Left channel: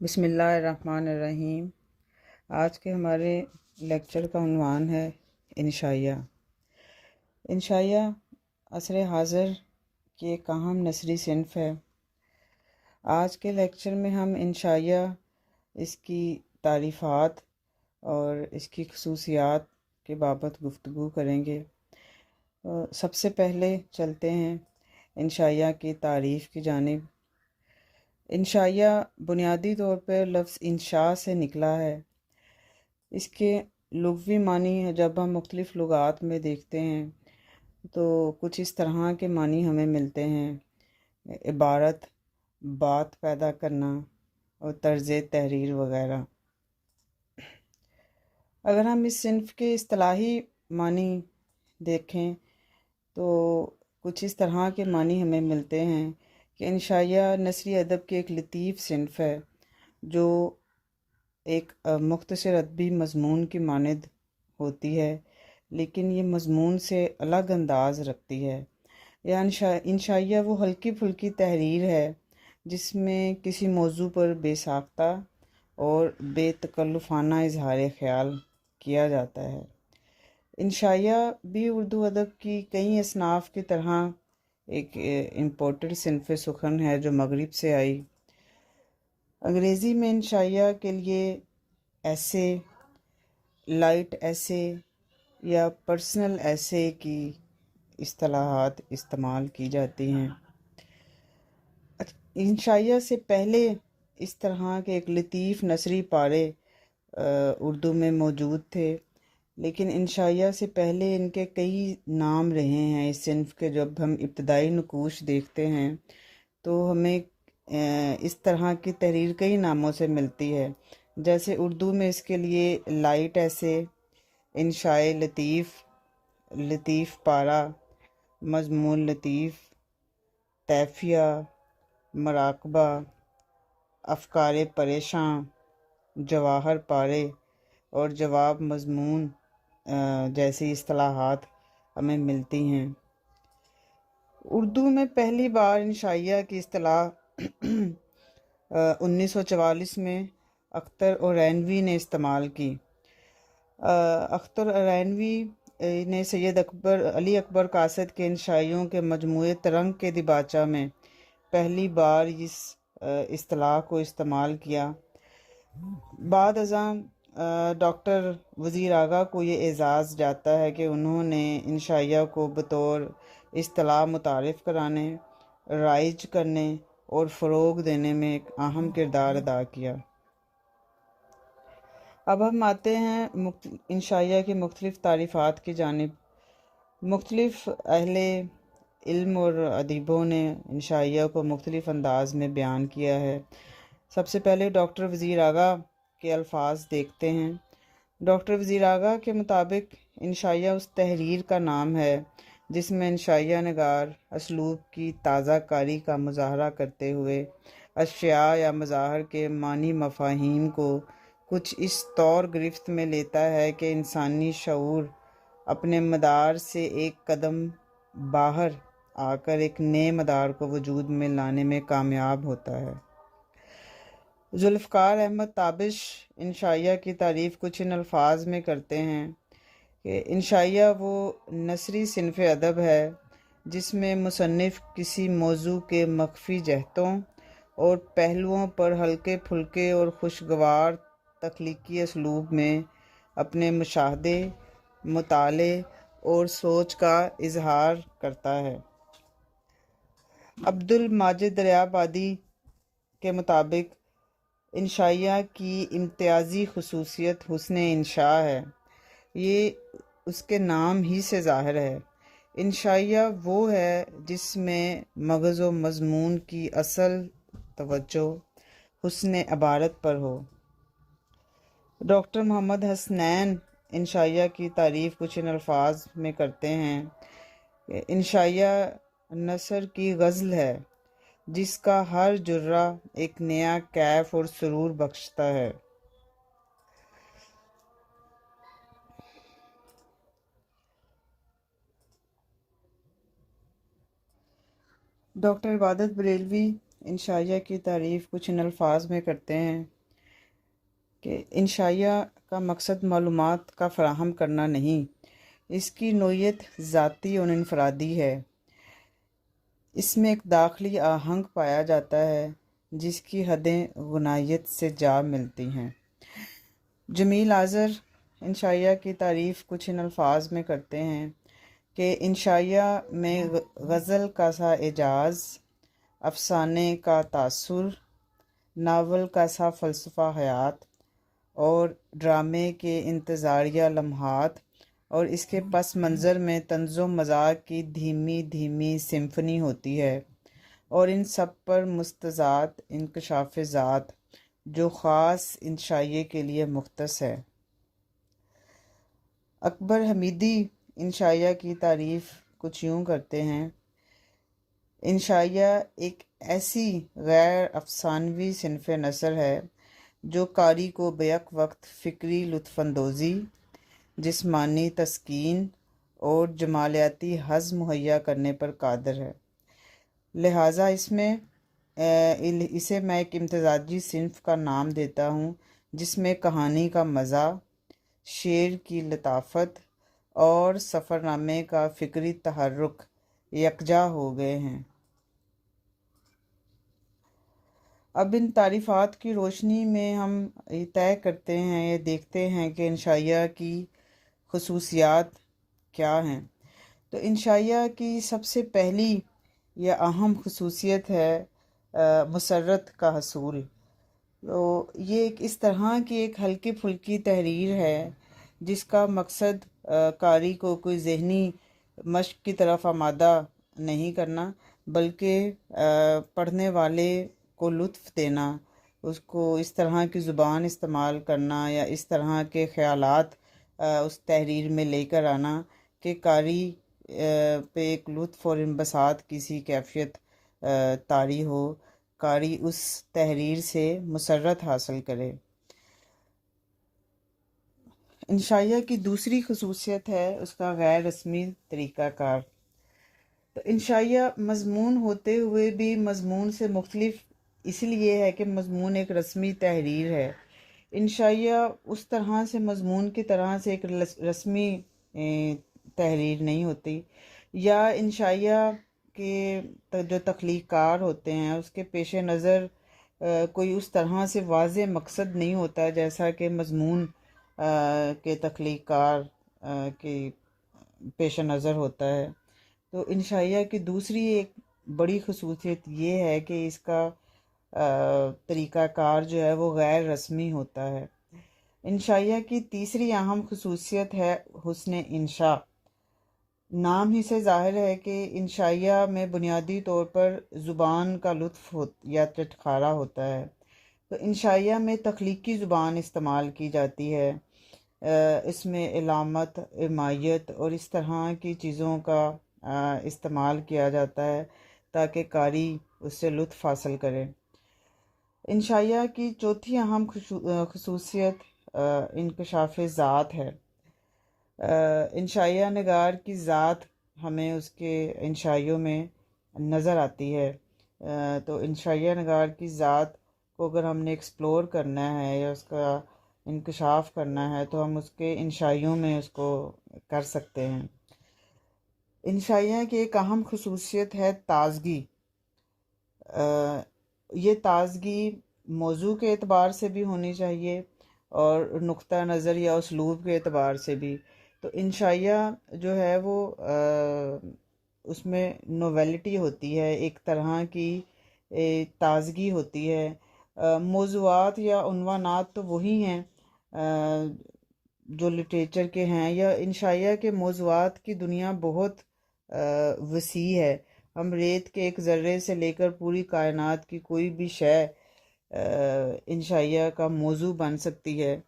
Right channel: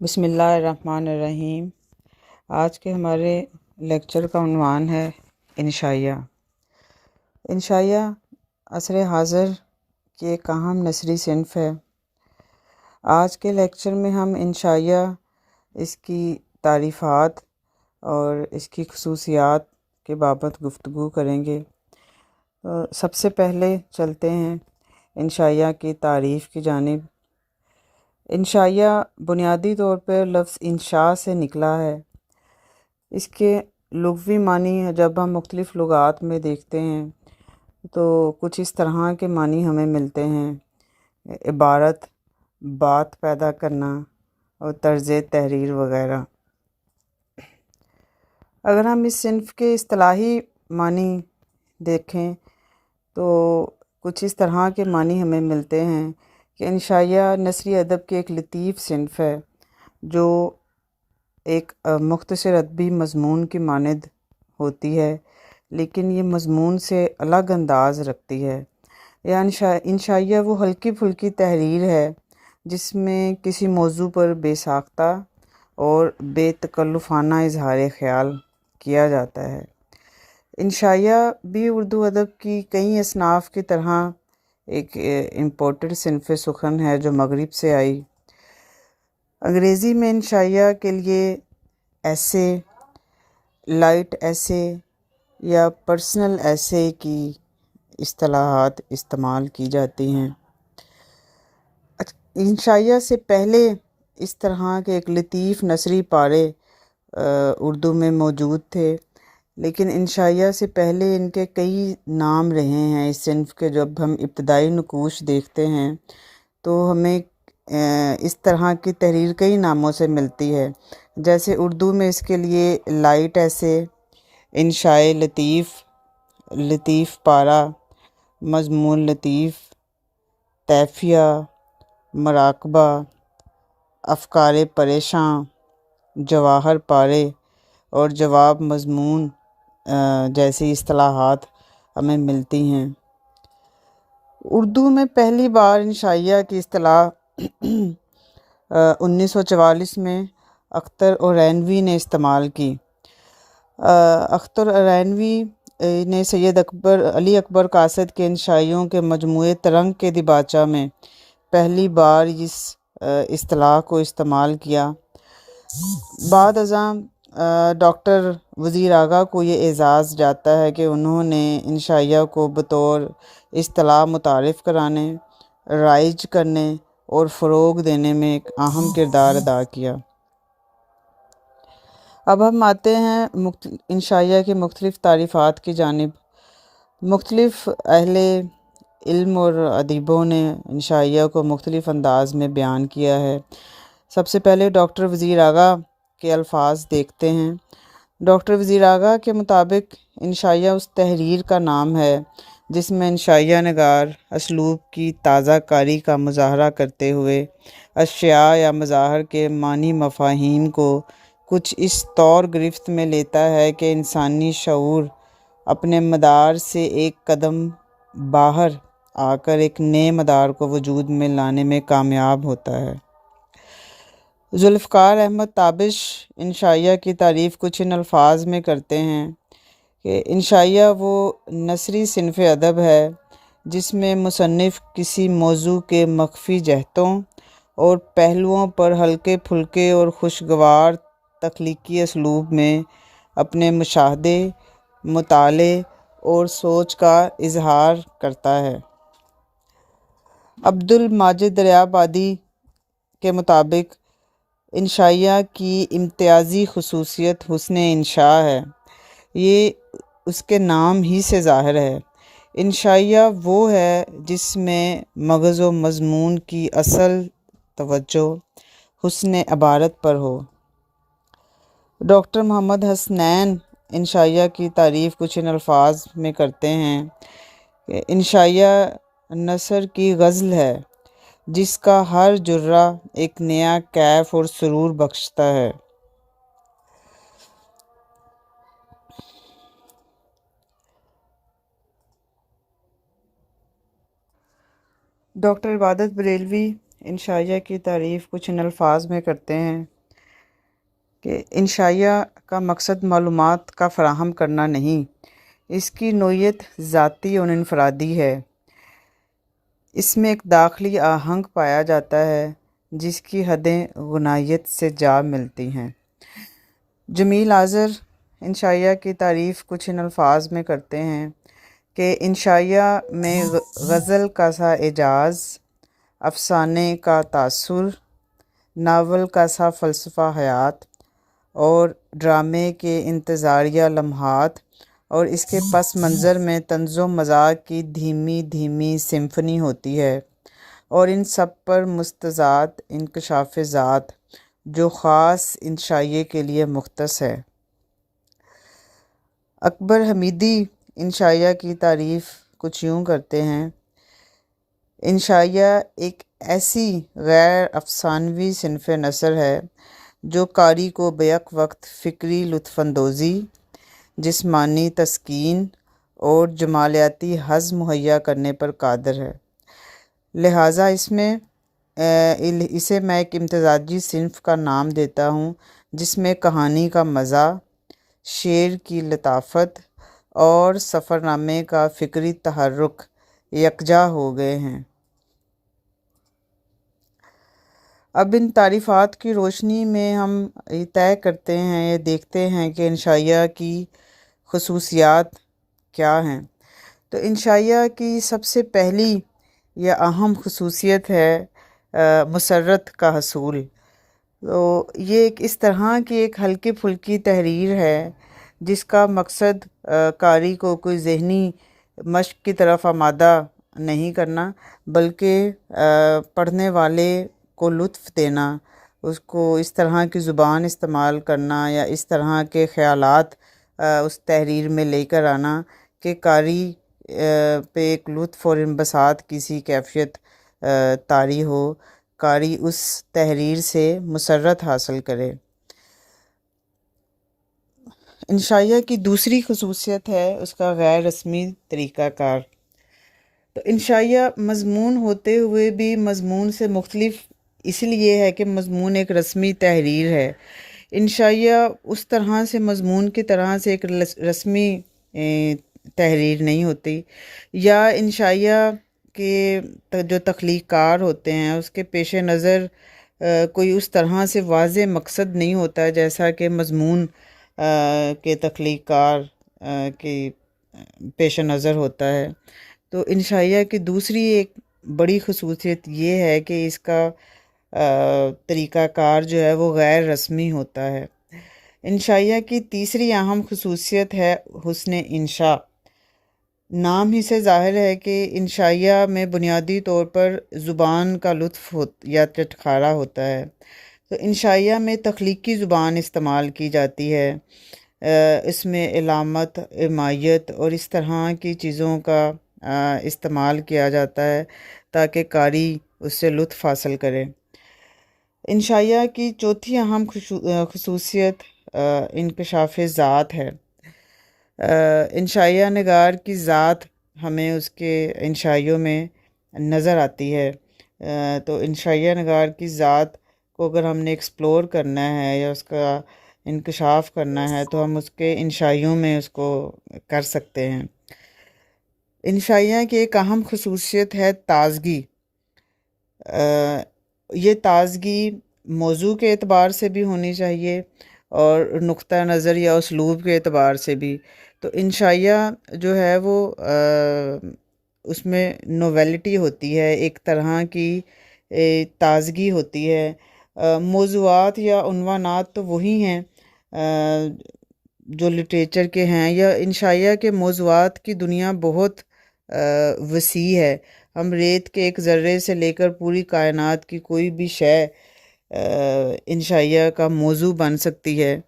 بسم اللہ الرحمن الرحیم۔ آج کے ہمارے لیکچر کا عنوان ہے انشائیہ۔ انشائیہ عصر حاضر کی ایک اہم نثری صنف ہے۔ آج کے لیکچر میں ہم انشائیہ، اس کی تعریفات اور اس کی خصوصیات کے بابت گفتگو کریں گے۔ سب سے پہلے چلتے ہیں انشائیہ کی تعریف کی جانب۔ انشائیہ بنیادی طور پر لفظ انشاء سے نکلا ہے۔ اس کے لغوی معنی جب ہم مختلف لغات میں دیکھتے ہیں تو کچھ اس طرح کے معنی ہمیں ملتے ہیں: عبارت، بات پیدا کرنا اور طرز تحریر وغیرہ۔ اگر ہم اس صنف کے اصطلاحی معنی دیکھیں تو کچھ اس طرح کے معنی ہمیں ملتے ہیں کہ انشائیہ نثری ادب کی ایک لطیف صنف ہے جو ایک مختصر ادبی مضمون کی مانند ہوتی ہے، لیکن یہ مضمون سے الگ انداز رکھتی ہے۔ انشائیہ وہ ہلکی پھلکی تحریر ہے جس میں کسی موضوع پر بے ساختہ اور بے تکلفانہ اظہار خیال کیا جاتا ہے۔ انشائیہ بھی اردو ادب کی کئی اصناف کی طرح ایک امپورٹڈ صنف سخن ہے جو مغرب سے آئی۔ انگریزی میں انشائیہ کے لیے ایسے، لائٹ ایسے یا پرسنل ایسے کی اصطلاحات استعمال کی جاتی ہیں۔ انشائیہ سے پہلے اس طرح کے ایک لطیف نثری پارے اردو میں موجود تھے، لیکن انشائیہ سے پہلے ان کے کئی نام رہے ہیں اس صنف کے۔ جب ہم ابتدائی نقوش دیکھتے ہیں تو ہمیں اس طرح کی تحریر کئی ناموں سے ملتی ہے، جیسے اردو میں اس کے لیے لائٹ ایسے، انشاء لطیف، لطیف پارہ، مضمون لطیف، طیفیہ، مراقبہ، افکار پریشاں، جواہر پارے اور جواب مضمون جیسی اصطلاحات ہمیں ملتی ہیں۔ اردو میں پہلی بار انشائیہ کی اصطلاح 1944 میں اختر عرینوی نے استعمال کی۔ اختر عرینوی نے سید علی اکبر قاصد کے انشائیوں کے مجموعے ترنگ کے دیباچہ میں پہلی بار اس اصطلاح کو استعمال کیا۔ بعد ازاں ڈاکٹر وزیر آغا کو یہ اعزاز جاتا ہے کہ انہوں نے انشائیہ کو بطور اصطلاح متعارف کرانے، رائج کرنے اور فروغ دینے میں ایک اہم کردار ادا کیا۔ اب ہم آتے ہیں انشائیہ کی مختلف تعریفات کی جانب۔ مختلف اہل علم اور ادیبوں نے انشائیہ کو مختلف انداز میں بیان کیا ہے۔ سب سے پہلے ڈاکٹر وزیر آغا کے الفاظ دیکھتے ہیں۔ ڈاکٹر وزیر آغا کے مطابق انشائیہ اس تحریر کا نام ہے جس میں انشائیہ نگار اسلوب کی تازہ کاری کا مظاہرہ کرتے ہوئے اشیاء یا مظاہر کے معنی مفاہیم کو کچھ اس طور گرفت میں لیتا ہے کہ انسانی شعور اپنے مدار سے ایک قدم باہر آ کر ایک نئے مدار کو وجود میں لانے میں کامیاب ہوتا ہے۔ ذوالفقار احمد تابش انشائیہ کی تعریف کچھ ان الفاظ میں کرتے ہیں کہ انشائیہ وہ نثری صنف ادب ہے جس میں مصنف کسی موضوع کے مخفی جہتوں اور پہلوؤں پر ہلکے پھلکے اور خوشگوار تخلیقی اسلوب میں اپنے مشاہدے، مطالعے اور سوچ کا اظہار کرتا ہے۔ عبد الماجد دریابادی کے مطابق انشائیہ کی امتیازی خصوصیت حسن انشاء ہے۔ یہ اس کے نام ہی سے ظاہر ہے۔ انشائیہ وہ ہے جس میں مغز و مضمون کی اصل توجہ حسن عبارت پر ہو۔ ڈاکٹر محمد حسنین انشائیہ کی تعریف کچھ ان الفاظ میں کرتے ہیں کہ انشائیہ نثر کی غزل ہے جس کا ہر جرہ ایک نیا کیف اور سرور بخشتا ہے۔ ڈاکٹر عبادت بریلوی انشائیہ کی تعریف کچھ ان الفاظ میں کرتے ہیں کہ انشائیہ کا مقصد معلومات کا فراہم کرنا نہیں، اس کی نوعیت ذاتی اور انفرادی ہے۔ اس میں ایک داخلی آہنگ پایا جاتا ہے جس کی حدیں غنائیت سے جا ملتی ہیں۔ جمیل آذر انشائیہ کی تعریف کچھ ان الفاظ میں کرتے ہیں کہ انشائیہ میں غزل کا سا اعجاز، افسانے کا تاثر، ناول کا سا فلسفہ حیات اور ڈرامے کے انتظاریہ لمحات اور اس کے پس منظر میں طنز و مزاح کی دھیمی دھیمی سمفنی ہوتی ہے، اور ان سب پر مستضاد انکشاف ذات جو خاص انشائیے کے لیے مختص ہے۔ اکبر حمیدی انشائیہ کی تعریف کچھ یوں کرتے ہیں: انشائیہ ایک ایسی غیر افسانوی صنف نثر ہے جو قاری کو بیک وقت فکری لطف اندوزی، جسمانی تسکین اور جمالیاتی حظ مہیا کرنے پر قادر ہے، لہٰذا اسے میں ایک امتزاجی صنف کا نام دیتا ہوں جس میں کہانی کا مزہ، شعر کی لطافت اور سفر نامے کا فکری تحرک یکجا ہو گئے ہیں۔ اب ان تعریفات کی روشنی میں ہم یہ طے کرتے ہیں، یہ دیکھتے ہیں کہ انشائیہ کی خصوصیات کیا ہیں۔ تو انشائیہ کی سب سے پہلی یا اہم خصوصیت ہے مسرت کا حصول۔ تو یہ ایک اس طرح کی ایک ہلکی پھلکی تحریر ہے جس کا مقصد قاری کو کوئی ذہنی مشق کی طرف آمادہ نہیں کرنا، بلکہ پڑھنے والے کو لطف دینا، اس کو اس طرح کی زبان استعمال کرنا یا اس طرح کے خیالات اس تحریر میں لے کر آنا کہ قاری پہ ایک لطف اور انبساط کی سی کیفیت طاری ہو، قاری اس تحریر سے مسرت حاصل کرے۔ انشائیہ کی دوسری خصوصیت ہے اس کا غیر رسمی طریقہ کار۔ تو انشائیہ مضمون ہوتے ہوئے بھی مضمون سے مختلف اس لیے ہے کہ مضمون ایک رسمی تحریر ہے۔ انشائیہ اس طرح سے مضمون کی طرح سے ایک رسمی تحریر نہیں ہوتی، یا انشائیہ کے جو تخلیق کار ہوتے ہیں اس کے پیش نظر کوئی اس طرح سے واضح مقصد نہیں ہوتا جیسا کہ مضمون کے تخلیق کار کے پیش نظر ہوتا ہے۔ تو انشائیہ کی دوسری ایک بڑی خصوصیت یہ ہے کہ اس کا طریقہ کار جو ہے وہ غیر رسمی ہوتا ہے۔ انشائیہ کی تیسری اہم خصوصیت ہے حسن انشاء۔ نام ہی سے ظاہر ہے کہ انشائیہ میں بنیادی طور پر زبان کا لطف یا چٹخارا ہوتا ہے۔ تو انشائیہ میں تخلیقی زبان استعمال کی جاتی ہے، اس میں علامت، عمایت اور اس طرح کی چیزوں کا استعمال کیا جاتا ہے تاکہ قاری اس سے لطف حاصل کرے۔ انشائیہ کی چوتھی اہم خصوصیت انکشاف ذات ہے۔ انشائیہ نگار کی ذات ہمیں اس کے انشائیوں میں نظر آتی ہے۔ تو انشائیہ نگار کی ذات کو اگر ہم نے ایکسپلور کرنا ہے یا اس کا انکشاف کرنا ہے تو ہم اس کے انشائیوں میں اس کو کر سکتے ہیں۔ انشائیہ کی ایک اہم خصوصیت ہے تازگی۔ یہ تازگی موضوع کے اعتبار سے بھی ہونی چاہیے اور نقطہ نظر یا اسلوب کے اعتبار سے بھی۔ تو انشائیہ جو ہے وہ اس میں نوویلٹی ہوتی ہے، ایک طرح کی تازگی ہوتی ہے۔ موضوعات یا عنوانات تو وہی ہیں جو لٹریچر کے ہیں، یا انشائیہ کے موضوعات کی دنیا بہت وسیع ہے۔ ہم ریت کے ایک ذرے سے لے کر پوری کائنات کی کوئی بھی شے انشائیہ کا موضوع بن سکتی ہے،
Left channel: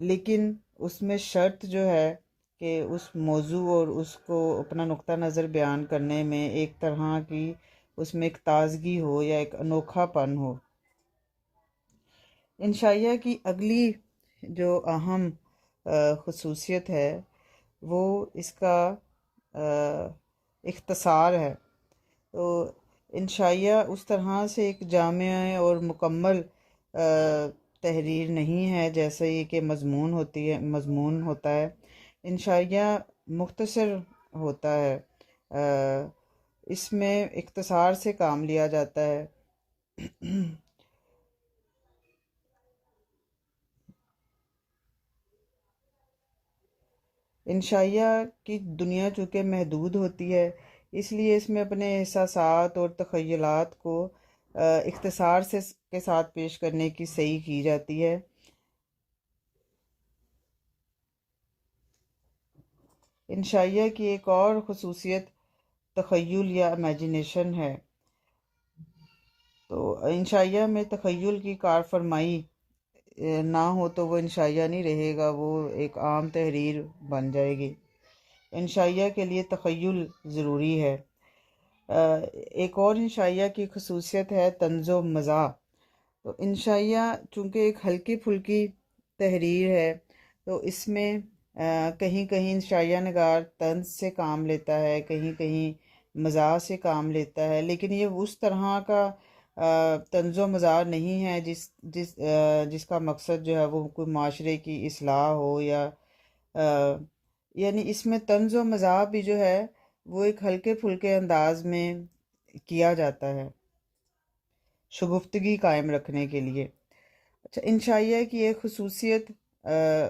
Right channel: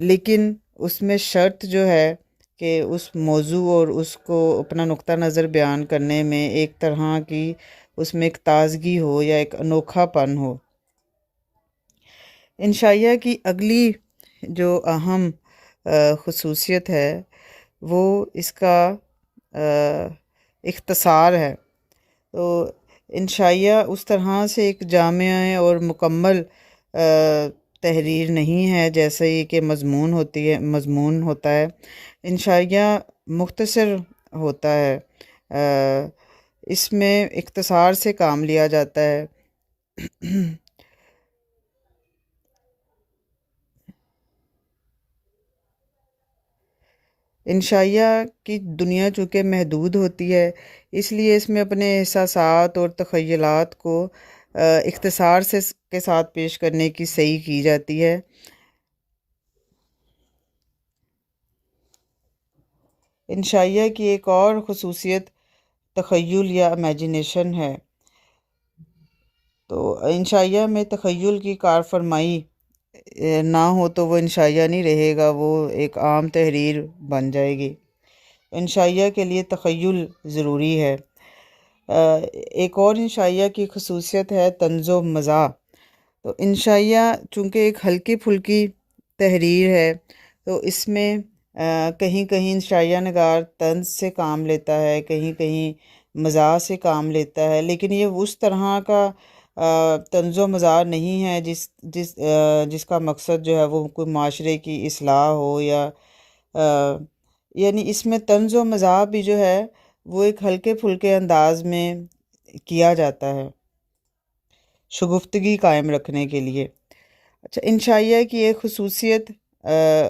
لیکن اس میں شرط جو ہے کہ اس موضوع اور اس کو اپنا نقطہ نظر بیان کرنے میں ایک طرح کی اس میں ایک تازگی ہو یا ایک انوکھا پن ہو۔ انشائیہ کی اگلی جو اہم خصوصیت ہے وہ اس کا اختصار ہے۔ تو انشائیہ اس طرح سے ایک جامع اور مکمل تحریر نہیں ہے جیسے یہ کہ مضمون ہوتا ہے۔ انشائیہ مختصر ہوتا ہے، اس میں اختصار سے کام لیا جاتا ہے۔ انشائیہ کی دنیا چونکہ محدود ہوتی ہے، اس لیے اس میں اپنے احساسات اور تخیلات کو اختصار کے ساتھ پیش کرنے کی صحیح کی جاتی ہے۔ انشائیہ کی ایک اور خصوصیت تخیل یا امیجنیشن ہے۔ تو انشائیہ میں تخیل کی کارفرمائی نہ ہو تو وہ انشائیہ نہیں رہے گا، وہ ایک عام تحریر بن جائے گی۔ انشائیہ کے لیے تخیل ضروری ہے۔ ایک اور انشائیہ کی خصوصیت ہے طنز و مزاح۔ تو انشائیہ چونکہ ایک ہلکی پھلکی تحریر ہے، تو اس میں کہیں کہیں انشائیہ نگار طنز سے کام لیتا ہے، کہیں کہیں مزاح سے کام لیتا ہے، لیکن یہ اس طرح کا طنز و مزاح نہیں ہے جس کا مقصد جو ہے وہ کوئی معاشرے کی اصلاح ہو، یا یعنی اس میں طنز و مزاح بھی جو ہے وہ ایک ہلکے پھلکے انداز میں کیا جاتا ہے شگفتگی قائم رکھنے کے لیے۔ اچھا، انشائیہ کی ایک خصوصیت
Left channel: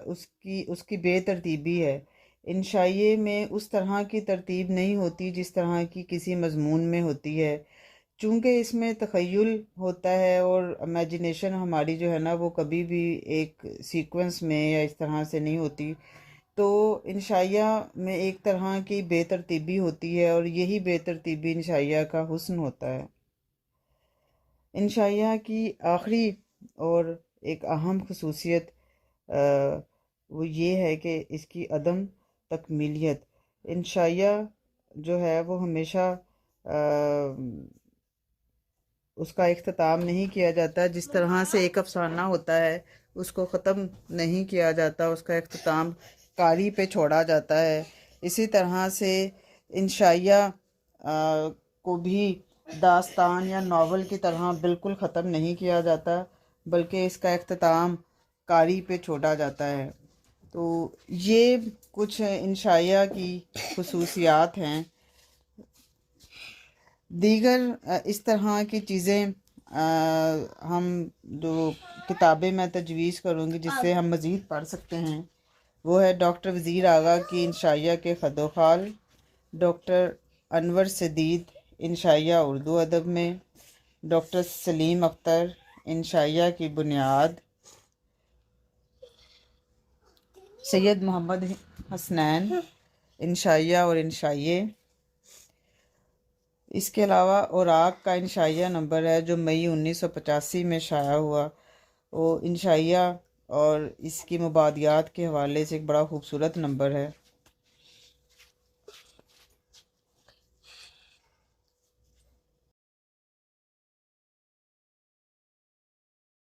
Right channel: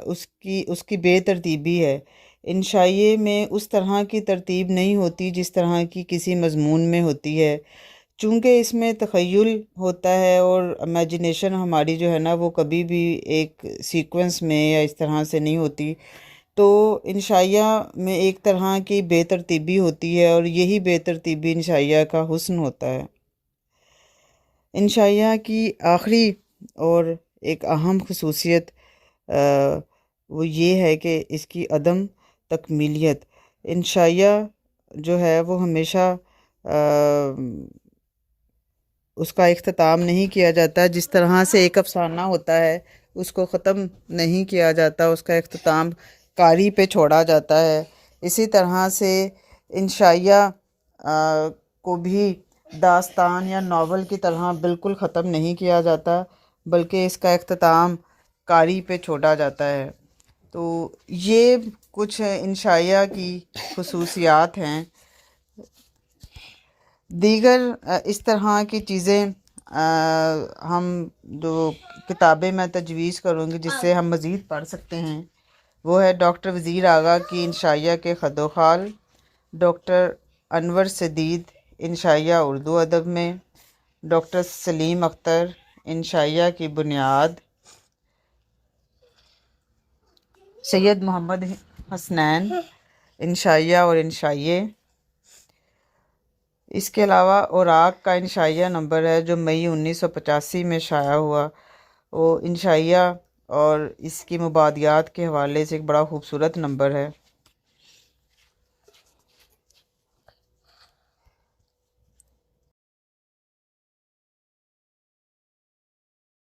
اس کی بے ترتیبی ہے۔ انشائیے میں اس طرح کی ترتیب نہیں ہوتی جس طرح کی کسی مضمون میں ہوتی ہے، چونکہ اس میں تخیل ہوتا ہے اور امیجنیشن ہماری جو ہے نا وہ کبھی بھی ایک سیکوینس میں یا اس طرح سے نہیں ہوتی، تو انشائیہ میں ایک طرح کی بے ترتیبی ہوتی ہے، اور یہی بے ترتیبی انشائیہ کا حسن ہوتا ہے۔ انشائیہ کی آخری اور ایک اہم خصوصیت وہ یہ ہے کہ اس کی عدم تکمیلیت۔ انشائیہ جو ہے وہ ہمیشہ اس کا اختتام نہیں کیا جاتا، جس طرح سے ایک افسانہ ہوتا ہے اس کو ختم نہیں کیا جاتا، اس کا اختتام قاری پہ چھوڑا جاتا ہے، اسی طرح سے انشائیہ کو بھی داستان یا ناول کی طرح بالکل ختم نہیں کیا جاتا، بلکہ اس کا اختتام قاری پہ چھوڑا جاتا ہے۔ تو یہ کچھ انشائیہ کی خصوصیات ہیں۔ دیگر اس طرح کی چیزیں ہم جو کتابیں میں تجویز کروں گی جس سے ہم مزید پڑھ سکتے ہیں، وہ ہے ڈاکٹر وزیر آغا کی انشائیہ کے خد و خال، ڈاکٹر انور سدید انشائیہ اردو ادب میں، ڈاکٹر سلیم اختر انشائیہ کی بنیاد، سید محمد حسنین انشائیہ اور انشائیے۔ اس کے علاوہ اوراق کا انشائیہ نمبر ہے جو مئی 1985 میں شائع ہوا، وہ انشائیہ اور اس کی مبادیات کے حوالے سے ایک بڑا خوبصورت نمبر ہے۔